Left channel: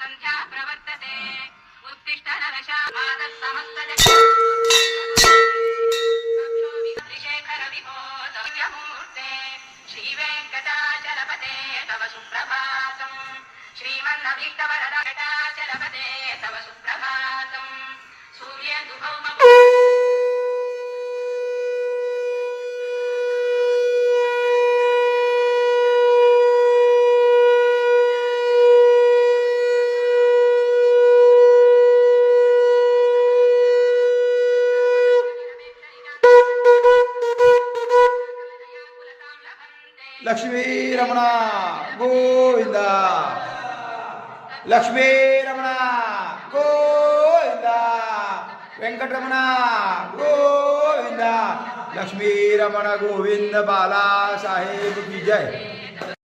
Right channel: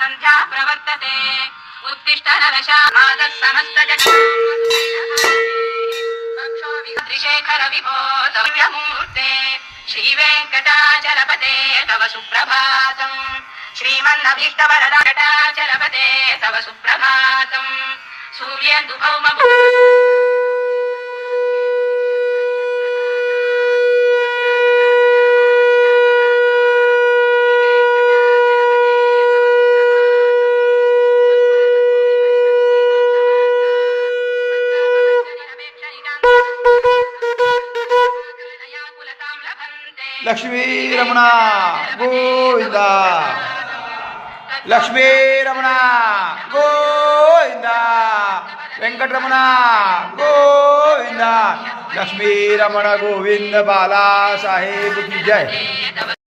संध्या प्रवर्तते उत्तिष्ठ नरशामादः समस्तजगत् त्रिशेखर विभो तव्यमूर्ते श्रीवेङ्कटाचलपते तव सुप्रभातम् श्रीमन्नभीष्टवरदाचलपते तव सुप्रभातम् सूर्येन्दुभौम लक्ष्मी रमण गोविंद लक्ष्मी रमण गोविंद वेंकटरमण गोविंद लक्ष्मी रमण गोविंद बाला साहेब की जय।